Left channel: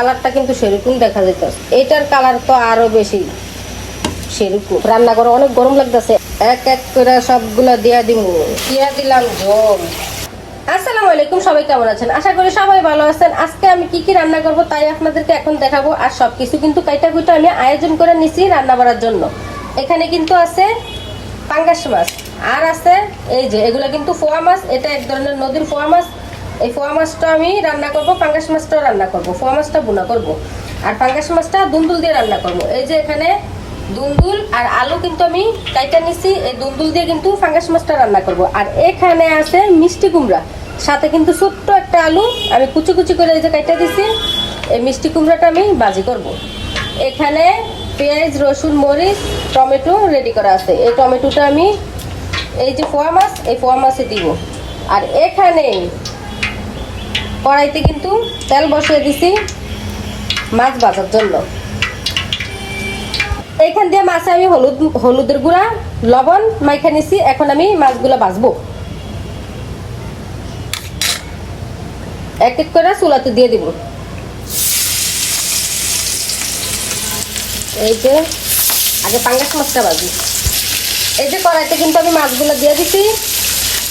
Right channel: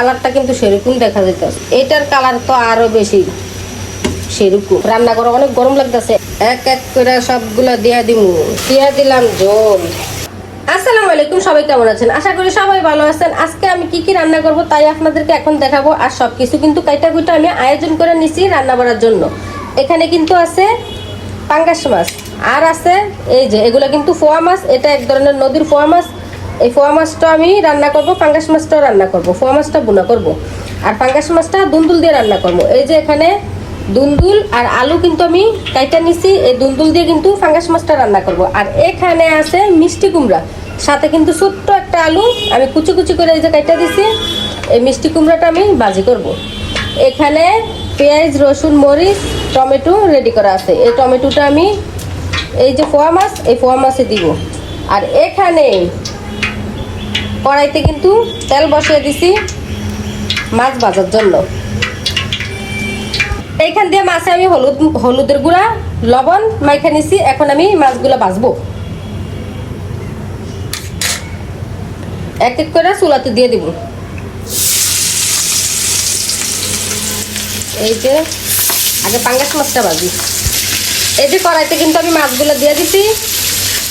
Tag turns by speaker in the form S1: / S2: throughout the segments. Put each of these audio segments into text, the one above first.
S1: কালারটা কিন্তু সেরকম দেখা যেতেছে এটার কালার তো আরও বেশি সেরকম। রান্না করে অনেক গরম লাগতেছে। এক এক করে সবগুলো দিয়ে দিন দিয়ে দিলাম জল। আসসালামু আলাইকুম, সবাই কেমন আছেন? আশা করি সবাই ভালো আছেন। আজকে আমি কি কি রান্না করব তাই আপনাদেরকে এখন দেখাবো। আর সবকিছু কিন্তু কাইটা কুইটা আমি আয়োজন করে নিছি রান্না করার জন্য। এখানে কিন্তু আছে পাঙ্গাস মাছ। আর আছে এই যে, এগুলো কিন্তু ফোয়া মাছ। এটা এক ধরনের নদীর ফোয়া মাছ। এই ফোয়া মাছটা আমি রান্না করব, পাঙ্গাস মাছটাও রান্না করব, ফোয়া মাছটা বুনা করব। আর পাঙ্গাস মাছটা দুন্দুল দিয়ে রান্না করব। এই যে এখানে দুন্দুল আর আলু কিন্তু আমি কাইটা নিছি, এই দুন্দুল দিয়ে কিন্তু ফাঙ্গাস মাছটা রান্না করব। আর এখানে আছে মিষ্টি কুমড়া, সাথে কিন্তু ছোট্ট একটা আলু, আমি কুচি কুচি করে এই যে কাইটা দিছি, এই মিষ্টি কুমড়াটা আমি ভাজি করব। এখানে পেঁয়াজ, রসুন, মরিচ, টমেটো রেডি করা আছে। এই টমেটোটা আমি, এই যে ফোয়া মাছ, এই ফোয়া মাছে দিব। আর এখানে কড়াইতে কিন্তু তেল বসিয়ে দিছি মাছ ভাজার জন্য। এইখান দিয়ে মাছে আমি হলুদ, হলুদের গুঁড়া, লবণ মাইখে নিছি, এখন আমি মাছগুলো ভাজবো। এক এক করে চুলাতে দিয়ে দিব। এই যে, আমি পাঙ্গাস মাছটা ভাজি। এই যে কড়াইতে কিন্তু আমি মাছগুলো দিয়ে দিছি,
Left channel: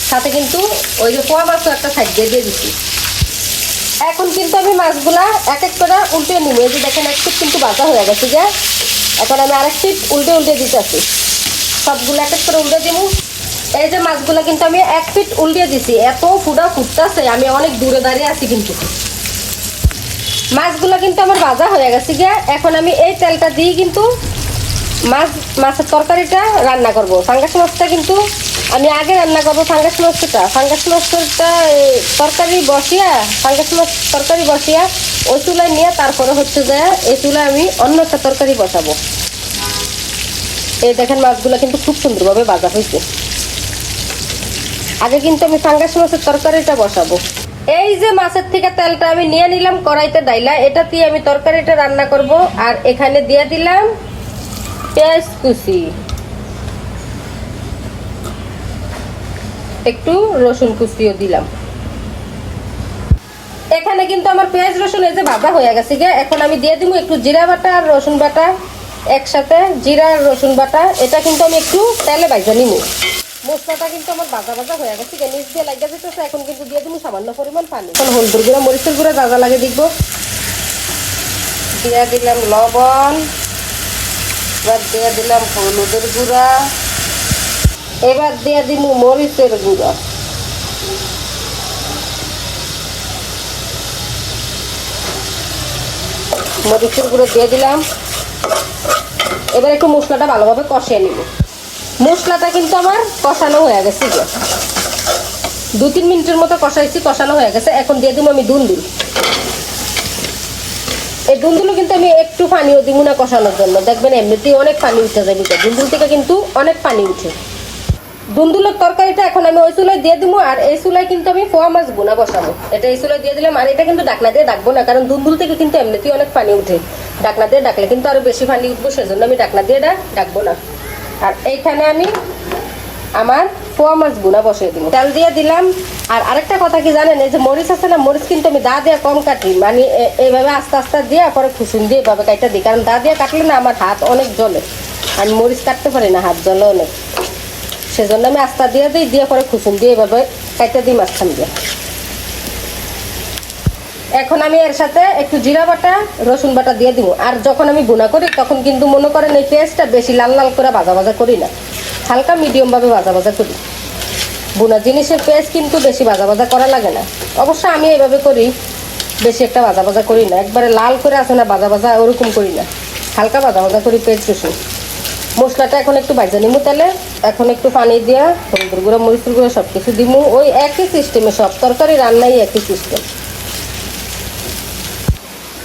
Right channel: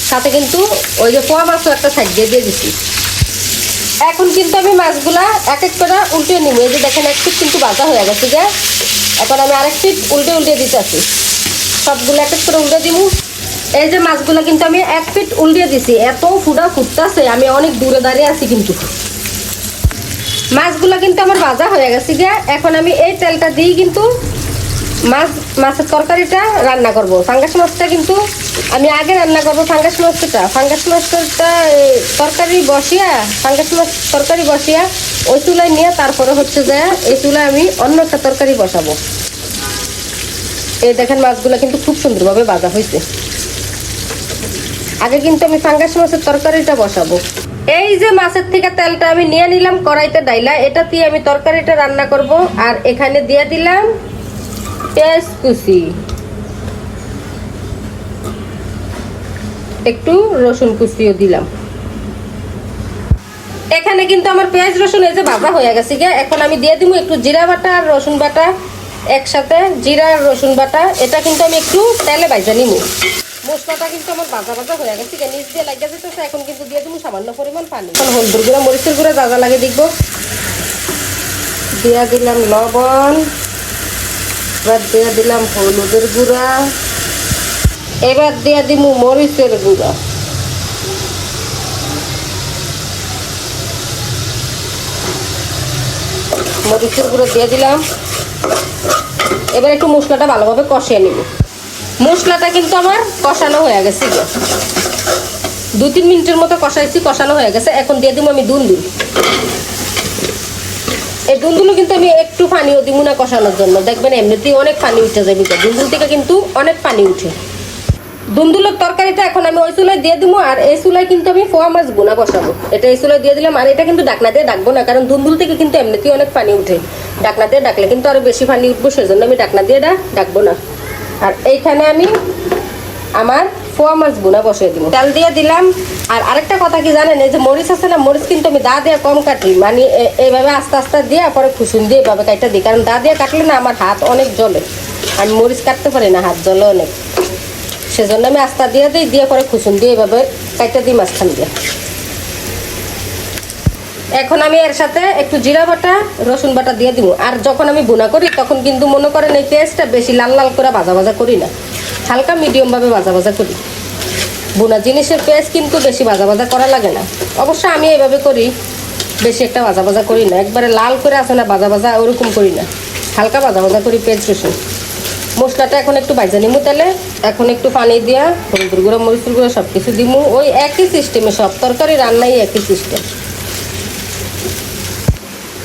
S1: সাথে কিন্তু ওই যে পোয়া মাছও একটা সাইড দিয়ে দিয়ে দিছি। এখন কিন্তু আমি মাছগুলা এক এক করে উল্টে নিব। এই যে দেখেন একটু কিন্তু ভাজা হয়ে গেছে যে এখন আমি আরেকটি উল্টে উল্টে দিতেছি সবগুলো এক এক করে উল্টে দিব। এই যে মাছগুলো কিন্তু আমি এক ফিট উল্টে দিছি। এত পুরা ফুটতেছে, আমি অনেক দূরে দাঁড়িয়ে আছি কিন্তু। মাছগুলো কিন্তু আমার ভাজা হয়ে গেছে গিয়ে এখন আমি এই তেলটা দিয়ে কিন্তু মাছ মাছের তরকারিটা রান্না করব। ফাঙ্গাস মাছটা কিন্তু আমি আগে রান্না করব, ফাঙ্গাস মাছটা। ফাঙ্গাস মাছটা তরকারি বসিয়া, ফাঙ্গাস মাছ তরকারি বসিয়া, ওই চুলায় নিয়ে তারপরে হচ্ছে যে এই চুলায় আমি অন্য একটা তরকারি বসাবো। এই দেখেন মাছগুলো কিন্তু খুব সুন্দরভাবে বাজা হয়েছে। আগে কিন্তু আমি ফাঙ্গাস মাছের তরকারিটা বসাবো। এই যে মাছের থেকে তেলটা আমি নিয়ে নিলাম কড়াইতে ডাইলা, এটা দিয়ে আমি তরকারিটা রান্না করব। আর এখানে দিয়ে দিলাম পেঁয়াজ কুচি একটু রসুন কুচিও দিলাম। এখানে কিন্তু আমার পেঁয়াজ রসুন এই যে ভাজা হয়ে গেছে এখন আমি দিয়ে দিব একটু জিরা বাটা আর রসুন বাটা একসাথে। জিরা আর রসুন বাটা, এটা কিন্তু আমি একটু তেলে ভাজা নিব। মশলাটা কিন্তু আমার ভাজা ভাজা হয়ে গেছে নিচ দিয়ে লাগতে যেতেছে এখন কিন্তু দিয়ে দিব সামান্য পরিমাণ পানি। হলুদের গুঁড়া, মরিচের গুঁড়া ভাজা লাগে দিব দিয়ে দিলাম লবণ। এবার দিয়ে দিলাম হলুদের গুঁড়া। এবার দিয়ে দিব মরিচের গুঁড়া। মরিচের গুঁড়ো দিয়ে দিলাম। এবার একটু মশলাটা ভালোভাবে কষিয়ে নেব। মশলাটা কিন্তু আমার কষানো হয়ে গেছে। দু তিন মিনিটের মতো কষাইছি, কষানো হয়ে গেছে। এখন দিয়ে দিব আমি দুন্দু এই দুন্দুলো কিন্তু আমি একটু পানিও দিব না কষানোর জন্য। দেখবেন এমনিতেই অনেক পানি উঠে যাবে দুন্দুল থেকে কিন্তু অনেক পানি উঠে। দুন্দুলের তরকারিটা এখন আমি ওই চুলায় দিয়ে দিব আর এই চুলায় কিন্তু আমি ফোয়া মাছ গুনা বসাবো। এটা এই চুলায় দিয়ে দিলাম আর এটা কিন্তু ডাকনা দিয়ে ডাকবো না, কারণ দুন্দুল থেকে কিন্তু এমনিতেই অনেক পানি উঠে। ডাকনা দিয়ে ডাকলে কিন্তু আরও বেশি পানি উঠবো, সেজন্য আমি ডাকনা দিয়ে এটা ডাকবো না। আর এইখানে আমি আমার ফোয়া মাছ গুনা বসিয়ে দিব। তেল দিয়ে দিলাম। আর আরেকটা কথা কি জানেন, এই যে মরিচ আছে না, মরিচ কিন্তু আমি দা দিয়ে কম কাটি। মানে এইভাবে আস্তে আস্তে দিয়ে পরে খুশুন দিয়ে এভাবে কাটটা দিই। কারণ দা দিয়ে কাটলে না আমার হাত অনেক জ্বলে। আমি মরিচ কাটতে পারি না, হাত জ্বলে অনেক। সেজন্য আমি আস্তা দিয়ে দিই, দিয়ে করে খুশুন দিয়ে এভাবে কাইটা দিই মাঝখান দিয়ে এখন আমি এর সাথে একটু জিরা বাটা, রসুন বাটা দিয়ে দিব। আর যখন আমি গুণা করি, তখন কিন্তু মনে করেন এই পেঁয়াজটা বেশি লাল লাল করে ভাজা ভাজা করি না। হালকা মিডিয়াম ভাবে ভাজা ভাজা করি। বোনা জিনিসের পেঁয়াজ কিন্তু বেশি ভাজা ভাজা করা লাগে না। অবশ্য আমি এভাবে করি, বেশি একটা ভাজা ভাজা করি না। একবারে লাল করে আসে না ভাজা ভাজা ওরকম করি না। হালকা ভাজা ভাজা করি পেঁয়াজ বেশি মশলাটা এখন একটু ভাজা নেব তাহলে। এখন একটু পানি দিয়া হলুদের গুঁড়ো, মরিচের গুঁড়ো সব কিছু দিব। ওই একই সিস্টেমে সব তরকারি রান্নাই একই সিস্টেম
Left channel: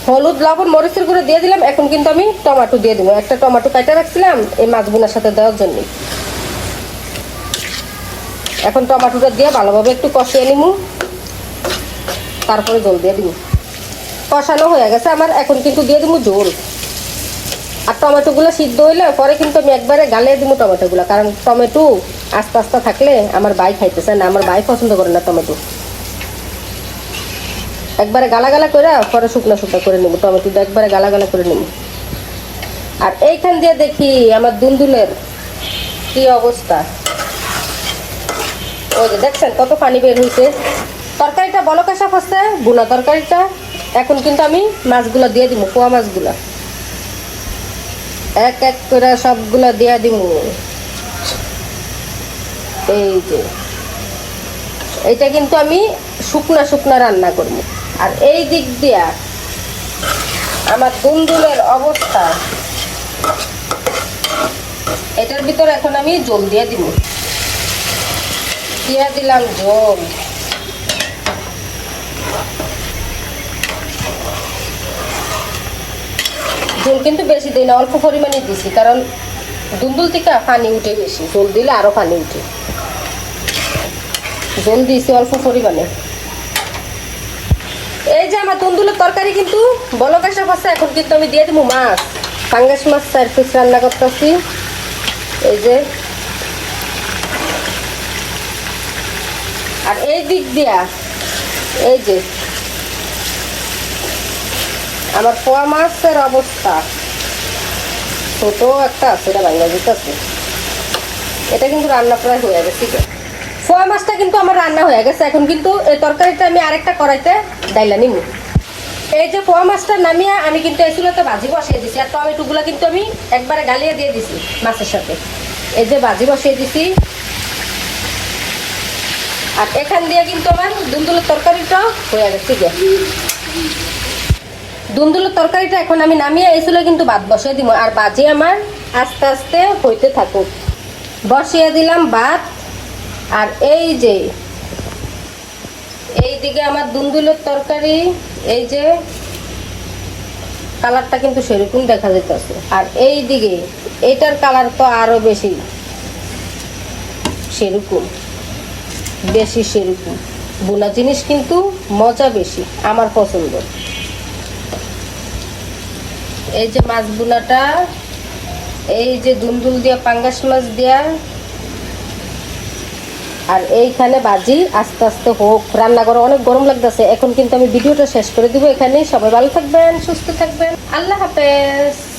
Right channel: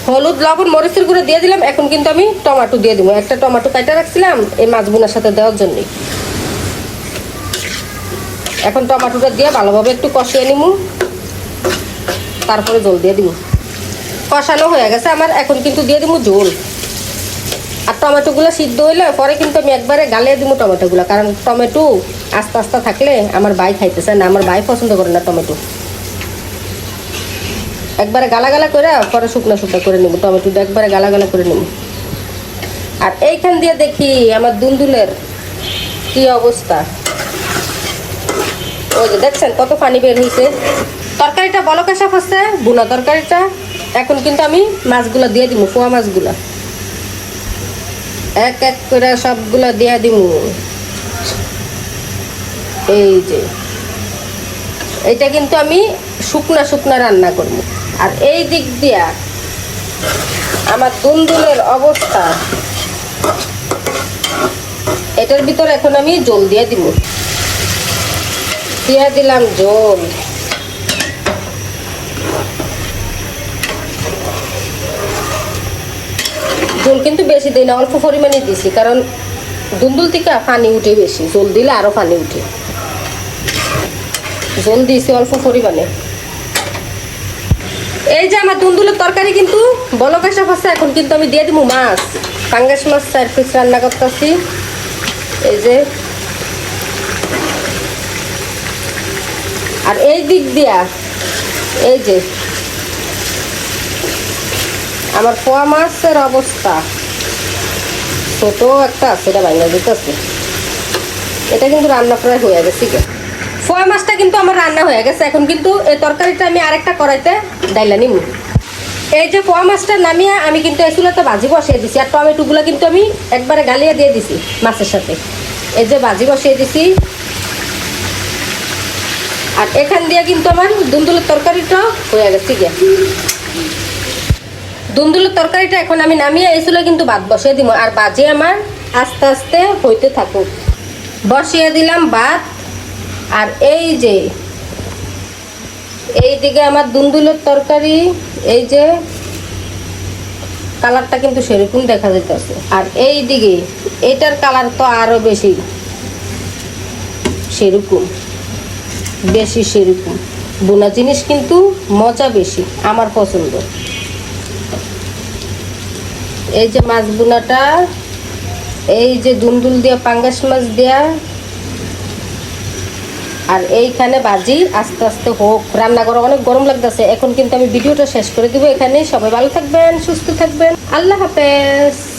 S1: হলুদ, লবণ, মরিচের গুঁড়ো দিয়ে দিলাম। এখন কিন্তু আমি টমাটো দিয়ে দিব। একটা টমাটো কেটে রাখছিলাম এই মাছ বোনার সাথে দেওয়ার জন্য। এখন টমেটোটা দিয়ে ভালোভাবে একটু কষিয়ে নিব তারপরে জল দিয়ে দিব কষানো হয়ে গেছে আমার এখন কিন্তু দিয়ে দিব ঝোল। আর টমেটোগুলো সিদ্ধ হইলে পরে কিন্তু আমি একবারে গালিয়ে দিব টমেটোগুলো কারণ টমেটো আস্তে আস্তে থাকলে আমার ভাই খাইতেছে না, আমার ভাই পছন্দ করে না টমেটো একবারে গালা গালা করে পরে শুকনো শুকনো করে নেব টমেটো একবারে গালা গালা করে নেব আর এইখান দিয়ে দেখি আমার দুন্দুলের কি অবস্থা। দেখছেন কত পানি বের হয়েছে তরকারিটা বলকে সাপ হচ্ছে বুনা তরকারিটা। এখন কিন্তু আমি মাছগুলো দিয়ে দিব পোয়া মাছগুলো। এক এক করে সবগুলো দিয়ে দিব এই যে। এটা কিন্তু আমি শুকনা শুকনা রান্না করব। আর এই দিক দিয়া আমার তন্দুরের অবস্থা। এটার ভিতরে এখন আমি জল দিয়ে দিব। দিয়ে দিলাম জল জল কিন্তু বেশি দিই না, অল্প পরিমাণে দিছি, কারণ দুন্দুল থেকে পানি উঠে বেশি জল দিলে আরও পানি উঠে। জল দিয়েছি অল্প পরিমাণে। এই যে আমার দুন্দুলের তরকারি কিন্তু বলক আসা হচ্ছে এখন কিন্তু আমি দিয়ে দেবো মাছ। পাঙ্গাস মাছ, চার পিস রান্না করতেছি। এই যে আর এই দিক দিয়া, এই যে, আমার পোয়া মাছের অবস্থা। ছোট একটা আছে এটা বাইরে দিতেছে এটা কিন্তু রান্না প্রায় হয়ে গেছে ফয় মাছটা কিন্তু আমার রান্না হয়ে গেছে, এখন কিন্তু এই তরকারিটা আমি আরেকটা কড়াইতে ডাইলা নিব এই যে পোয়া মাছটা নামিয়ে আমি কিন্তু এসুলাতে ভাজি বসিয়ে দিছি, আর টমেটোগুলো কিন্তু আমি একবারে গালিয়ে দিয়ে দিছি মাছের সাথে। এই যে ভাজি বসিয়ে দিছি আর এখান দিয়ে কিন্তু আমার দুন্দুলের তরকারিটা হয়ে গেছে গিয়া। দুন্দুলের তরকারিটা এখন আমি নামিয়ে এসুলে কিন্তু ভাত বসিয়ে দিব আর বাজি আমার আস্তে আস্তে হইতে থাকুক। বসিয়ে দিলাম ভাত। আর এই যে এই দিকে আমার দুন্দুলের তরকারি, এই যে কালারটা কিন্তু সেরকম দেখা যেতেছে আর এই দিকে এটার কালার তো আরও বেশি সেরকম। বেশি সেরকম। বোনা জিনিস কিন্তু মজা বেশি, আমার পছন্দ। এই যে মাছ বোনাটা, এই যে দুন্দুল দিয়ে, পাঙ্গাস মাছ দেয়া, আর এইখানে বাজি আস্তে আস্তে হোক। রান্না করা অনেক গরম লাগতেছে, এখন কিন্তু আমি ভিডিওটা শেষ করে দিব। এখানে সবাই ভালো থাকবেন, সুস্থ থাকবেন। আল্লাহ হাফেজ।